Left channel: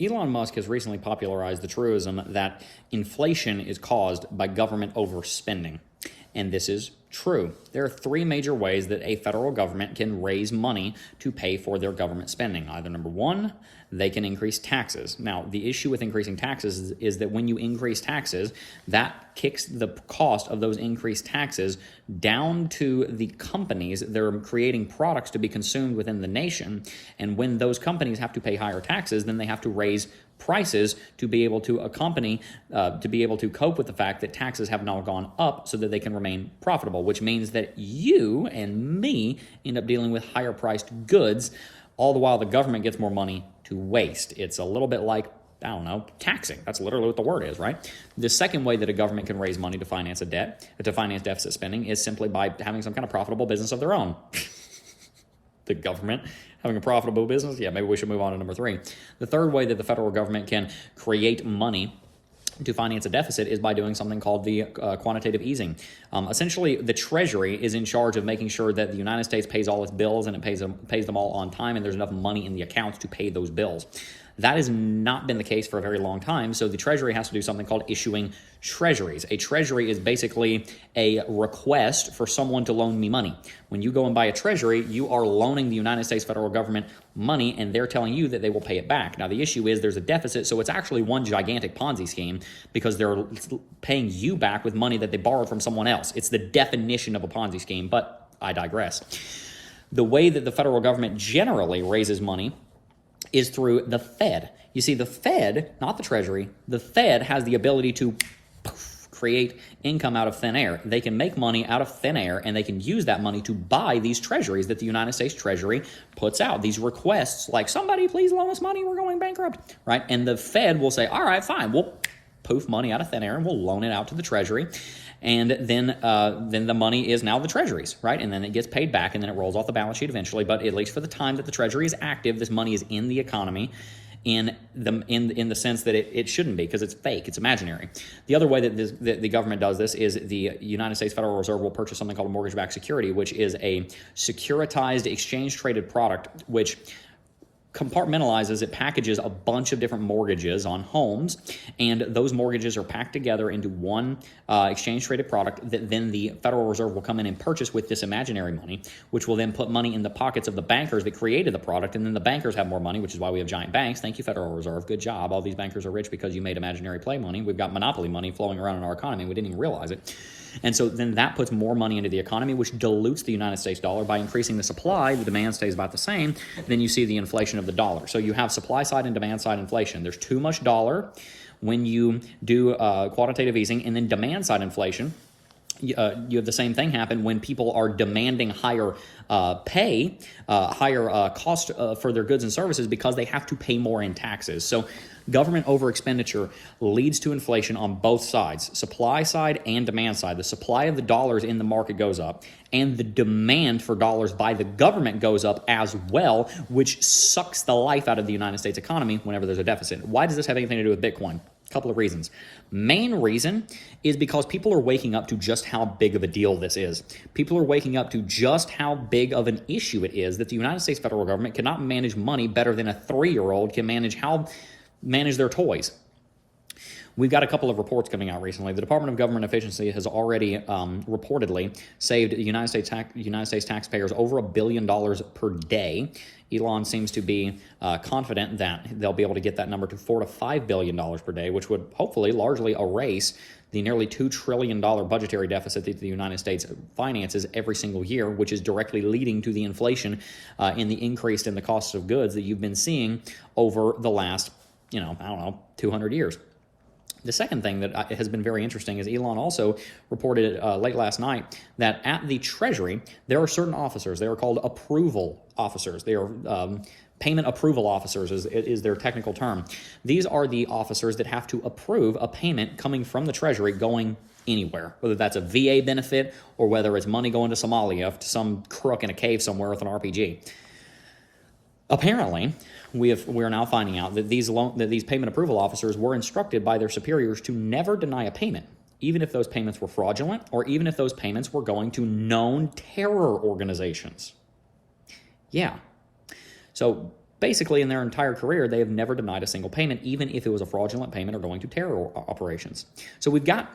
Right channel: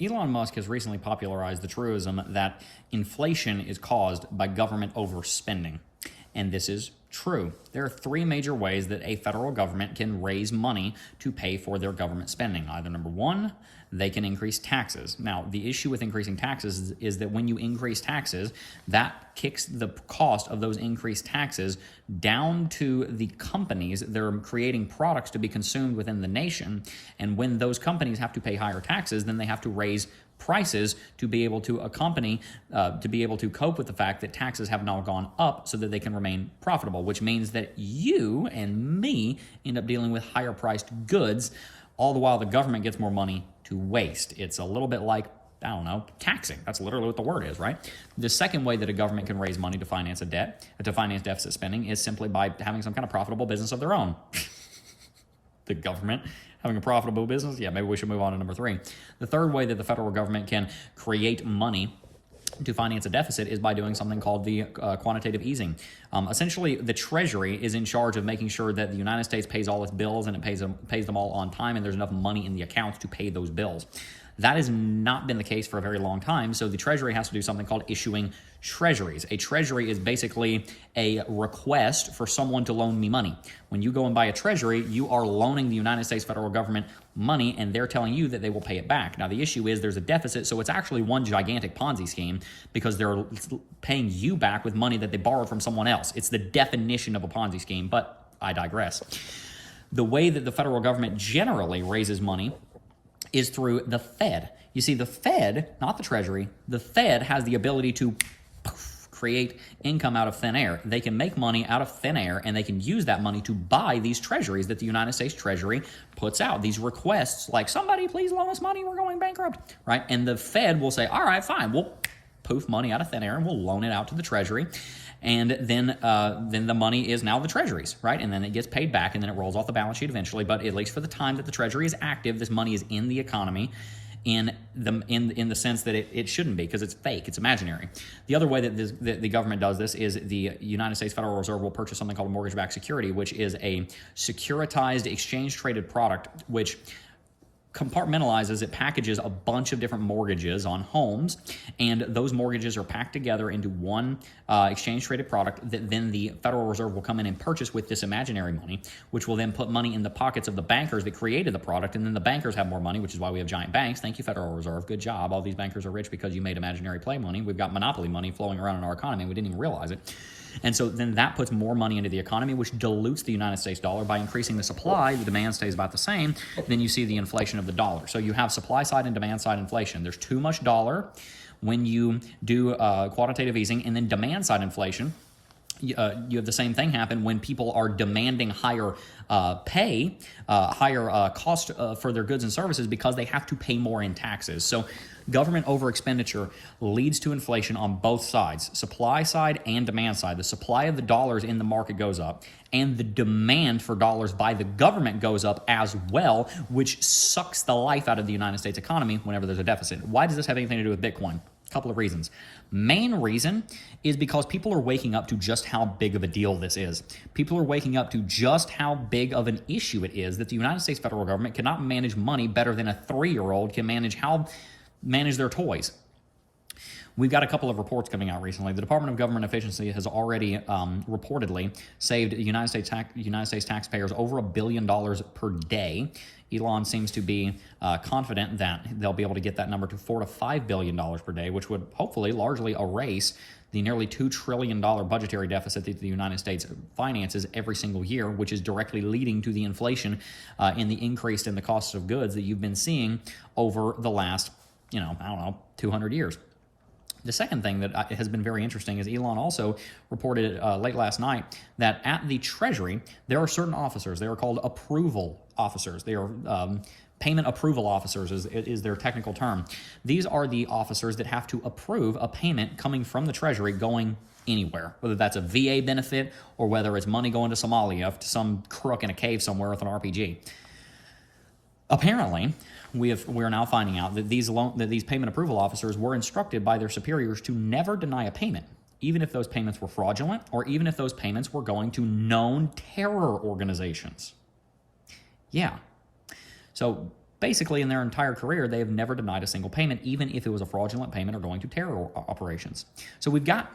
Elon Musk has recently popularized the truism that inflation is caused by government overspending. And this is true. There are three major ways that a federal government can raise money to pay for their government spending. Either number one, they can increase taxes. Now, the issue with increasing taxes is that when you increase taxes, that kicks the cost of those increased taxes down to the companies that are creating products to be consumed within the nation. And when those companies have to pay higher taxes, then they have to raise prices to be able to to be able to cope with the fact that taxes have now gone up so that they can remain profitable, which means that you and me end up dealing with higher priced goods, all the while the government gets more money to waste. It's a little bit like, I don't know, taxing. That's literally what the word is, right? The second way that a government can raise money to finance deficit spending is simply by having some kind of profitable business of their own. The government having a profitable business? Yeah, maybe we should move on to number three. The third way that the federal government can create money to finance a deficit is by doing something called the quantitative easing. Essentially, the Treasury is in charge of making sure that the United States pays all its bills and it pays them all on time, and there's enough money in the accounts to pay those bills. That has not been the case for a very long time, so the Treasury has to do something called issuing treasuries. A treasury is basically a request for someone to loan me money. When you go and buy a treasury, you are loaning the United States federal government money, and they're telling you that they will pay it back. Now, the issue is there's a deficit, so it's actually one gigantic Ponzi scheme because they're paying you back with money that they borrowed from someone else. It's the definition of a Ponzi scheme, but I digress. The way that the federal government generally raises money is through the Fed. You see, the Fed, not the Treasury, the Fed has the ability to create income out of thin air. They can make money out of thin air, and they can use that money to buy these treasuries that the United States Treasury puts out. These requests like, somebody please loan us money, we're going bankrupt, right? And the Fed will say, all right, fine, we'll poof money out of thin air and we'll loan it out to the Treasury. And then the money is now the Treasury's, right? And then it gets paid back, and then it rolls off the balance sheet eventually. But at least for the time that the Treasury is active, this money is in the economy in the sense that it shouldn't be, because it's fake, it's imaginary. The other way that the government does this is the United States Federal Reserve will purchase something called a mortgage-backed security, which is a securitized exchange-traded product which compartmentalizes, it packages a bunch of different mortgages on homes, and those mortgages are packed together into one exchange-traded product that then the Federal Reserve will come in and purchase with this imaginary money, which will then put money in the pockets of the bankers that created the product, and then the bankers have more money, which is why we have giant banks. Thank you, Federal Reserve. Good job. All these bankers are rich because you made imaginary play money. We've got monopoly money flowing around in our economy, and we didn't even realize it. And so then that puts more money into the economy, which dilutes the United States dollar. By increasing the supply, the demand stays about the same. Then you see the inflation of the dollar. So you have supply side and demand side inflation. There's too much dollar when you do quantitative easing, and then demand side inflation. You have the same thing happen when people are demanding higher higher cost for their goods and services because they have to pay more in taxes. So government over expenditure leads to inflation on both sides, supply side and demand side. The supply of the dollars in the market goes up, and the demand for dollars by the government goes up as well, which sucks the life out of the United States economy whenever there's a deficit. Why does this have anything to do with Bitcoin? A couple of reasons. Main reason is because people are waking up to just how big of a deal this is. People are waking up to just how big of an issue it is that the United States federal government cannot manage money better than a 3-year-old can manage their toys. We've got a couple of reports coming out recently. The Department of Government Efficiency has already reportedly saved the United States taxpayers over $1 billion per day. Elon seems to be confident that they'll be able to get that number to $4 to $5 billion per day, which would hopefully largely erase the nearly $2 trillion budgetary deficit that the United States finances every single year, which is directly leading to the inflation in the increase in the costs of goods that you've been seeing over the last, 200 years. The second thing that has been very interesting is Elon also reported late last night that at the Treasury, there are certain officers. They are called approval officers. They are payment approval officers is their technical term. These are the officers that have to approve a payment coming from the Treasury going anywhere, whether that's a VA benefit or whether it's money going to Somalia to some crook in a cave somewhere with an RPG. Apparently, we're now finding out that these payment approval officers were instructed by their superiors to never deny a payment, even if those payments were fraudulent or even if those payments were going to known terror organizations. Yeah. So Basically, in their entire career, they have never denied a single payment, even if it was a fraudulent payment or going to terror operations. So we've got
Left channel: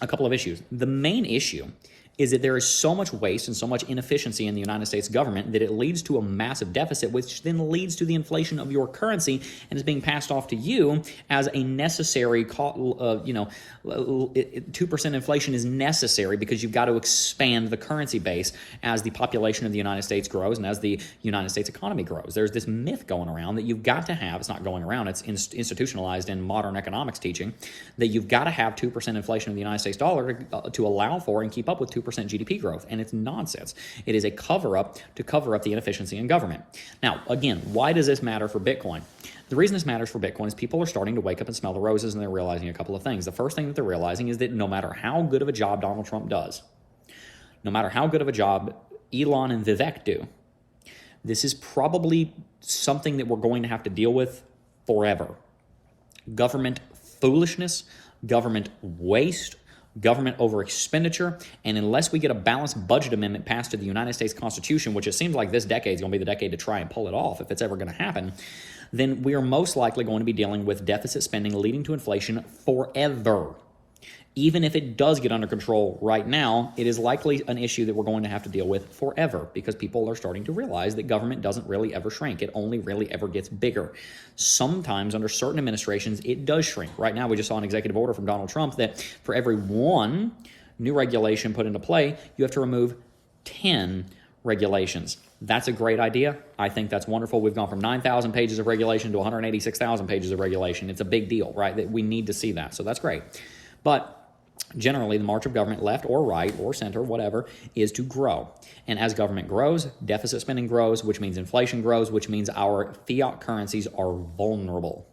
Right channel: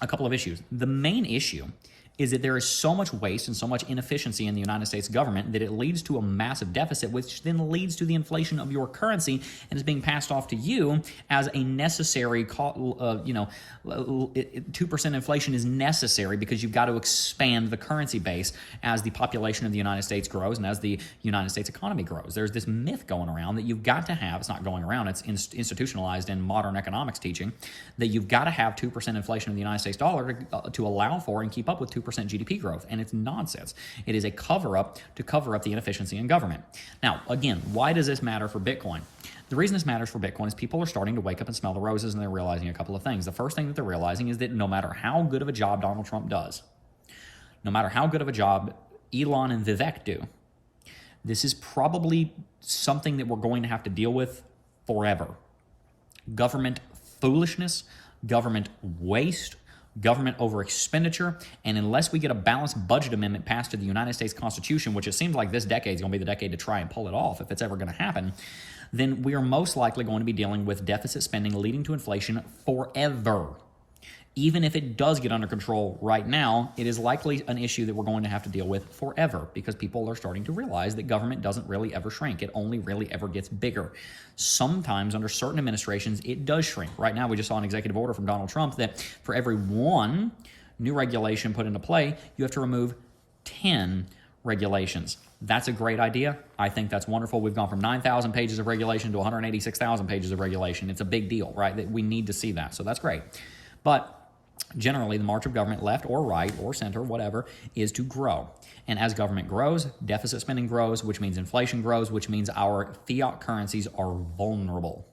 a couple of issues. The main issue is that there is so much waste and so much inefficiency in the United States government that it leads to a massive deficit, which then leads to the inflation of your currency and is being passed off to you as a necessary, 2% inflation is necessary because you've got to expand the currency base as the population of the United States grows and as the United States economy grows. There's this myth going around that you've got to have, it's not going around, it's institutionalized in modern economics teaching, that you've got to have 2% inflation of the United States dollar to allow for and keep up with 2% GDP growth. And it's nonsense. It is a cover-up to cover up the inefficiency in government. Now, again, why does this matter for Bitcoin? The reason this matters for Bitcoin is people are starting to wake up and smell the roses, and they're realizing a couple of things. The first thing that they're realizing is that no matter how good of a job Donald Trump does, no matter how good of a job Elon and Vivek do, this is probably something that we're going to have to deal with forever. Government foolishness, government waste, government over expenditure, and unless we get a balanced budget amendment passed to the United States Constitution, which it seems like this decade is going to be the decade to try and pull it off if it's ever going to happen, then we are most likely going to be dealing with deficit spending leading to inflation forever. Even if it does get under control right now, it is likely an issue that we're going to have to deal with forever because people are starting to realize that government doesn't really ever shrink. It only really ever gets bigger. Sometimes under certain administrations, it does shrink. Right now, we just saw an executive order from Donald Trump that for every one new regulation put into play, you have to remove 10 regulations. That's a great idea. I think that's wonderful. We've gone from 9,000 pages of regulation to 186,000 pages of regulation. It's a big deal, right? That we need to see that. So that's great. But generally, the march of government, left or right or center, whatever, is to grow. And as government grows, deficit spending grows, which means inflation grows, which means our fiat currencies are vulnerable.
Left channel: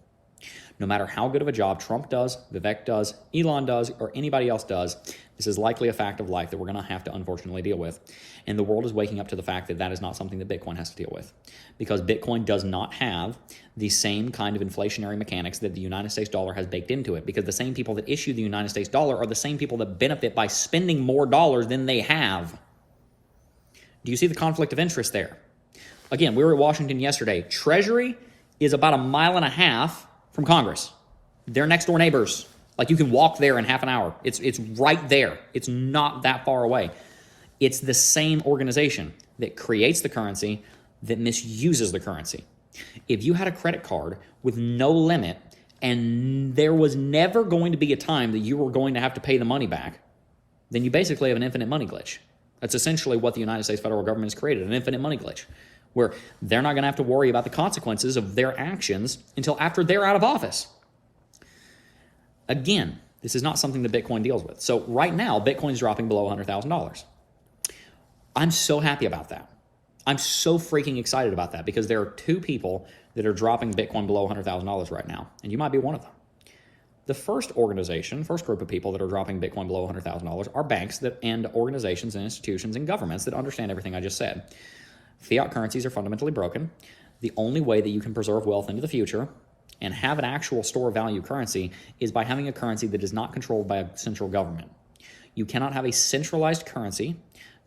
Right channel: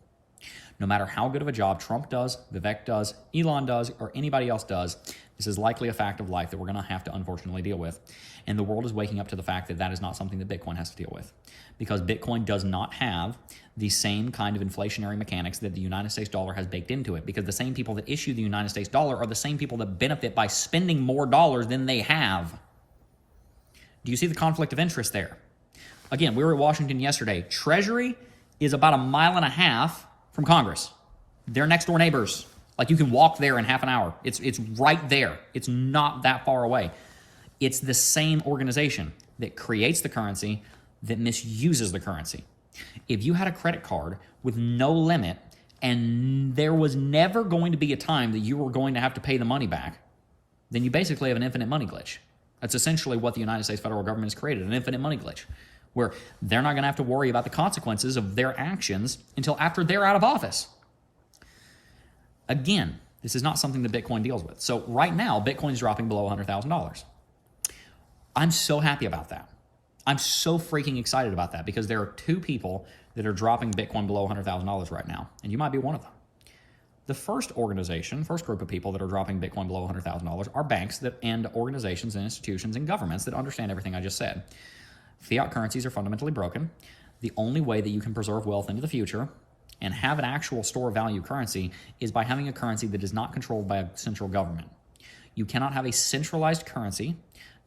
No matter how good of a job Trump does, Vivek does, Elon does, or anybody else does, this is likely a fact of life that we're going to have to unfortunately deal with. And the world is waking up to the fact that that is not something that Bitcoin has to deal with. Because Bitcoin does not have the same kind of inflationary mechanics that the United States dollar has baked into it. Because the same people that issue the United States dollar are the same people that benefit by spending more dollars than they have. Do you see the conflict of interest there? Again, we were at Washington yesterday. Treasury is about 1.5 miles from Congress. They're next door neighbors. Like you can walk there in half an hour. It's right there. It's not that far away. It's the same organization that creates the currency that misuses the currency. If you had a credit card with no limit and there was never going to be a time that you were going to have to pay the money back, then you basically have an infinite money glitch. That's essentially what the United States federal government has created, an infinite money glitch, where they're not going to have to worry about the consequences of their actions until after they're out of office. Again, this is not something that Bitcoin deals with. So right now, Bitcoin's dropping below $100,000. I'm so happy about that. I'm so freaking excited about that because there are two people that are dropping Bitcoin below $100,000 right now, and you might be one of them. The first group of people that are dropping Bitcoin below $100,000 are banks and organizations and institutions and governments that understand everything I just said. Fiat currencies are fundamentally broken. The only way that you can preserve wealth into the future and have an actual store value currency is by having a currency that is not controlled by a central government. You cannot have a centralized currency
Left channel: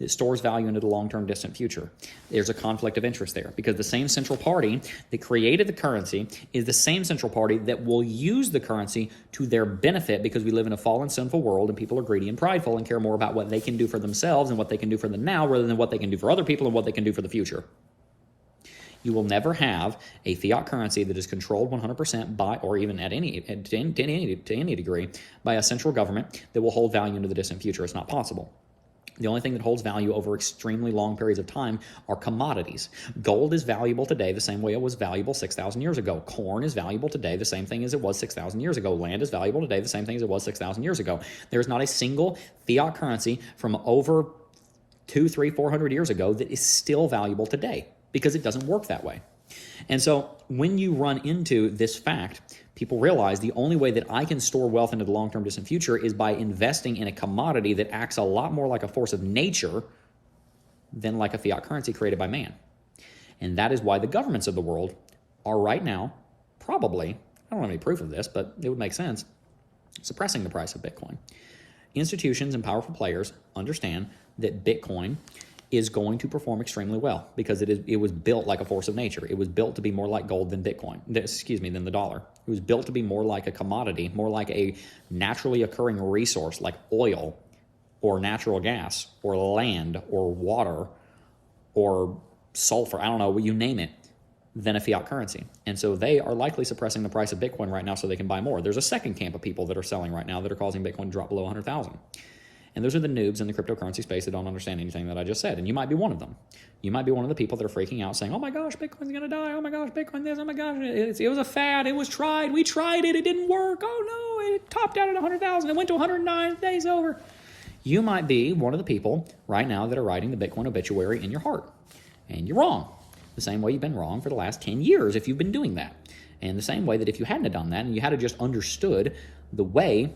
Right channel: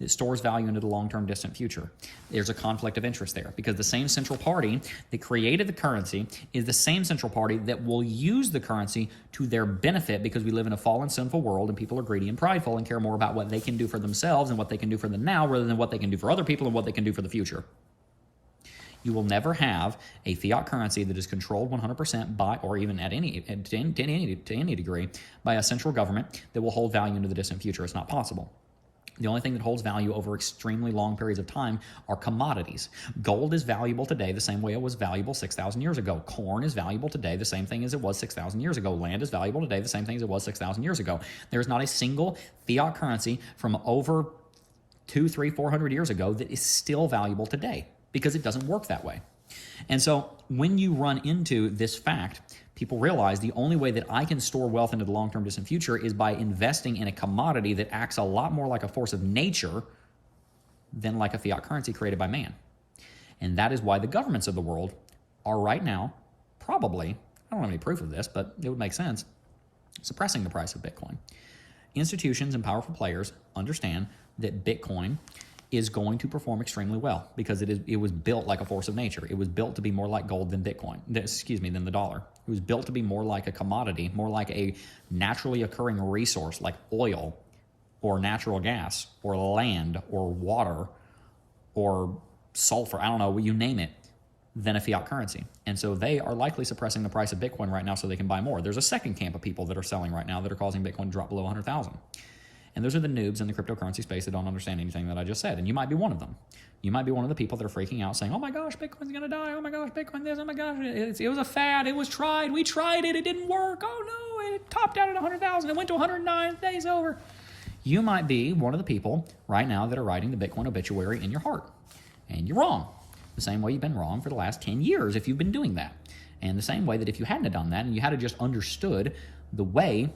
that stores value into the long-term distant future. There's a conflict of interest there because the same central party that created the currency is the same central party that will use the currency to their benefit because we live in a fallen, sinful world and people are greedy and prideful and care more about what they can do for themselves and what they can do for the now rather than what they can do for other people and what they can do for the future. You will never have a fiat currency that is controlled 100% by, or even to any degree, by a central government that will hold value into the distant future. It's not possible. The only thing that holds value over extremely long periods of time are commodities. Gold is valuable today the same way it was valuable 6,000 years ago. Corn is valuable today the same thing as it was 6,000 years ago. Land is valuable today the same thing as it was 6,000 years ago. There's not a single fiat currency from over 200, 300, 400 years ago that is still valuable today because it doesn't work that way. And so when you run into this fact, people realize the only way that I can store wealth into the long-term distant future is by investing in a commodity that acts a lot more like a force of nature than like a fiat currency created by man. And that is why the governments of the world are right now probably, I don't have any proof of this, but it would make sense, suppressing the price of Bitcoin. Institutions and powerful players understand that Bitcoin is going to perform extremely well because it was built like a force of nature. It was built to be more like gold than Bitcoin, than the dollar. It was built to be more like a commodity, more like a naturally occurring resource like oil or natural gas or land or water or sulfur, I don't know, you name it, than a fiat currency. And so they are likely suppressing the price of Bitcoin right now so they can buy more. There's a second camp of people that are selling right now that are causing Bitcoin to drop below 100,000. And those are the noobs in the cryptocurrency space that don't understand anything that I just said. And you might be one of them. You might be one of the people that are freaking out saying, oh my gosh, Bitcoin's going to die. Oh my gosh, Bitcoin this. Oh my gosh, it was a fad. It was tried. We tried it. It didn't work. Oh no, it topped out at 100,000. It went to 109. The day's over. You might be one of the people right now that are writing the Bitcoin obituary in your heart. And you're wrong. The same way you've been wrong for the last 10 years if you've been doing that. And the same way that if you hadn't have done that and you had just understood the way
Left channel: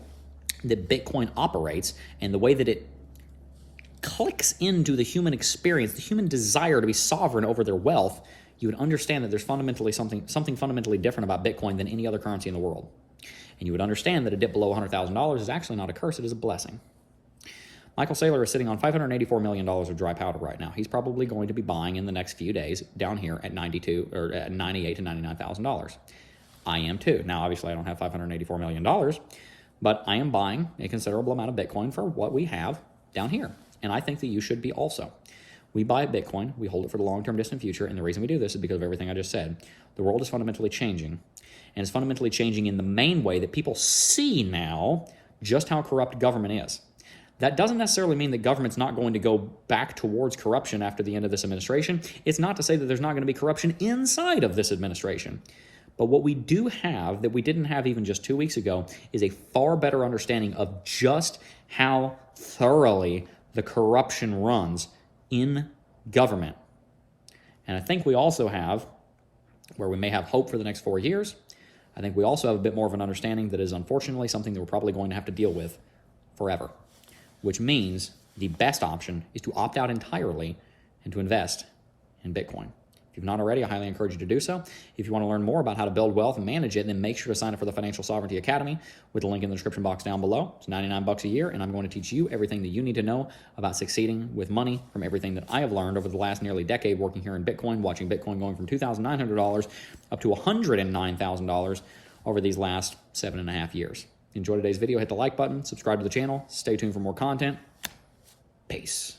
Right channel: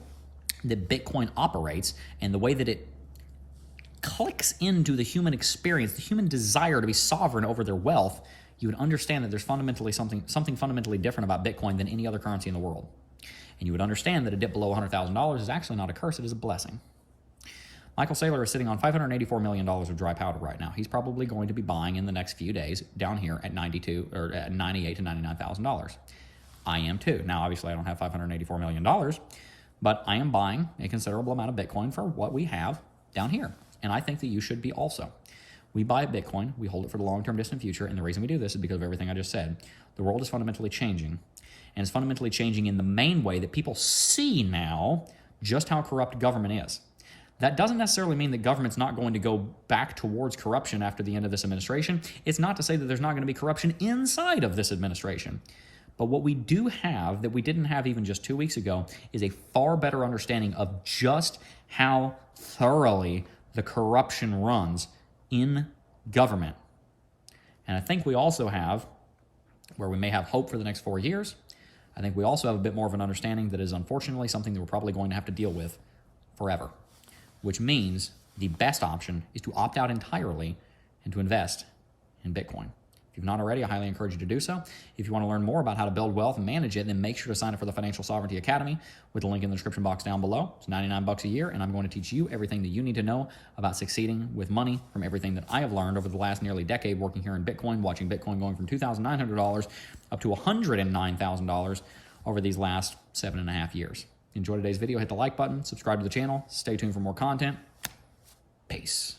that Bitcoin operates and the way that it clicks into the human experience, the human desire to be sovereign over their wealth, you would understand that there's fundamentally something fundamentally different about Bitcoin than any other currency in the world. And you would understand that a dip below $100,000 is actually not a curse, it is a blessing. Michael Saylor is sitting on $584 million of dry powder right now. He's probably going to be buying in the next few days down here at $98,000 to $99,000. I am too. Now, obviously, I don't have $584 million, but I am buying a considerable amount of Bitcoin for what we have down here. And I think that you should be also. We buy Bitcoin, we hold it for the long-term distant future, and the reason we do this is because of everything I just said. The world is fundamentally changing, and it's fundamentally changing in the main way that people see now just how corrupt government is. That doesn't necessarily mean that government's not going to go back towards corruption after the end of this administration. It's not to say that there's not going to be corruption inside of this administration. But what we do have that we didn't have even just 2 weeks ago is a far better understanding of just how thoroughly the corruption runs in government. And I think we also have, where we may have hope for the next 4 years, I think we also have a bit more of an understanding that is unfortunately something that we're probably going to have to deal with forever, which means the best option is to opt out entirely and to invest in Bitcoin. If you've not already, I highly encourage you to do so. If you want to learn more about how to build wealth and manage it, then make sure to sign up for the Financial Sovereignty Academy with the link in the description box down below. It's $99 a year, and I'm going to teach you everything that you need to know about succeeding with money from everything that I have learned over the last nearly decade working here in Bitcoin, watching Bitcoin going from $2,900 up to $109,000 over these last 7.5 years. Enjoy today's video, hit the like button, subscribe to the channel, stay tuned for more content. Peace.